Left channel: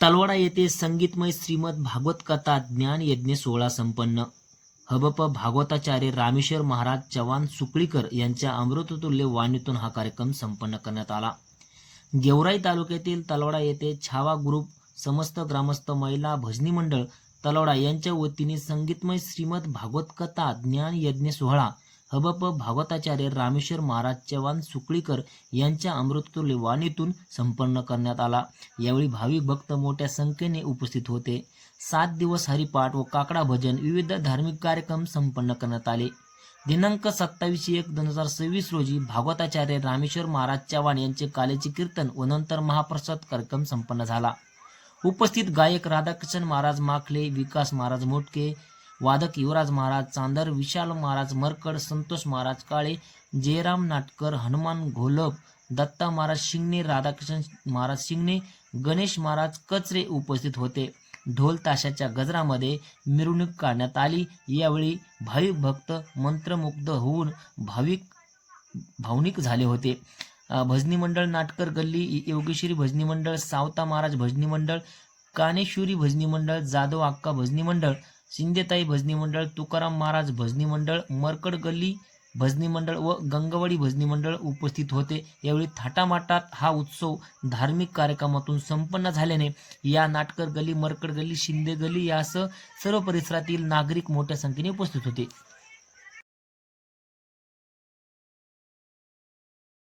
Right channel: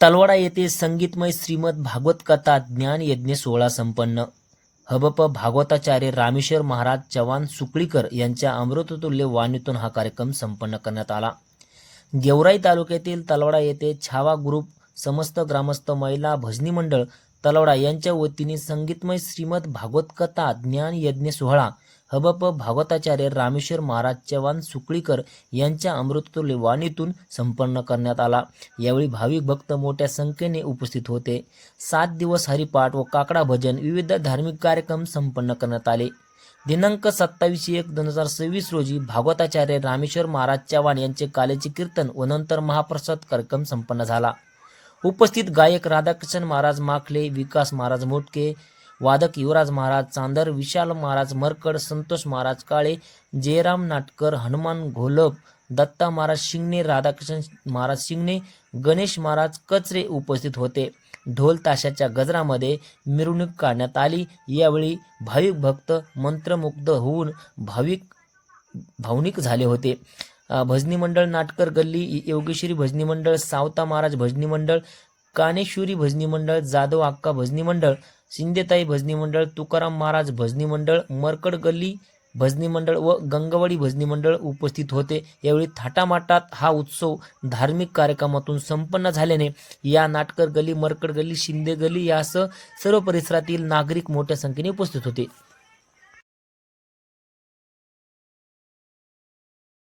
तलवाडा येथे संगीतमय श्रीमद भागवत कथा ज्ञान यज्ञ सोहळा संपन्न. हबप भागवताचार्य रामेश्वर महाराज चव्हाण सुकळीकर यांच्या अमृततुल्य वाणीतून हा कार्यक्रम संपन्न करण्यात आला. गेवराई तालुक्यातील तलवाडा येथे छावा ग्रुप समस्त ग्रामस्थ महिला भजनी मंडळ तलवाडा यांच्या वतीने संगीतमय श्रीमद भागवत कथा ज्ञान यज्ञ सोहळा हबप भागवताचार्य रामेश्वर महाराज चव्हाण सुकळीकर यांच्या अमृततुल्य वाणीतून संपन्न करण्यात आला. यावेळी भाविक भक्त मोठ्या संख्येने उपस्थित होते. 7 दिवस हरिपाठ व काकडा भजन विविध धार्मिक कार्यक्रम संपन्न करण्यात आले. दिनांक 27/1/2026 रोजी भागवताचार्य रामेश्वर महाराज चव्हाण यांचे काल्याचे कीर्तन व नंतर महाप्रसाद कार्यक्रम संपन्न झाला. उपस्थित गायक राधाकृष्ण महाराज माखले, विकास महाराज मोटके, वादक युवराज महाराज चांदर, विशाल महाराज मरकड, संतोष महाराज काळे, जयराम नाटकर, हनुमान घोलप, दत्ता महाराज शिंगणे, राधाकृष्ण महाराज शिंगणे, गणेश महाराज कचरे उपस्थित होते. ढोल ताशाच्या गजरामध्ये मिरवणूक काढण्यात आली. यावेळी भाविक भक्त मंत्रमुग्ध होऊन भावनिक झाले होते. भजनी मंडळ नाटकर गल्ली, योगेश्वरी भजनी मंडळ, सावता महाराज भजनी मंडळ, कानेश्वरी भजनी मंडळ, जाधव अक्का भजनी मंडळ, शिंदेताई भजनी मंडळ, तुकाराम महाराज भजनी मंडळ, मरकड गल्ली भजनी मंडळ व गंगवाडी भजनी मंडळ उपस्थित होते. यावेळी थाटामाटात हा उत्सव धार्मिक कार्यक्रमातून संपन्न झाल्याने या नाटकर गल्ली, मरकड गल्ली, शिंदे गल्ली यासह सर्व परिसरातील नागरिक मोठ्या संख्येने उपस्थित होते.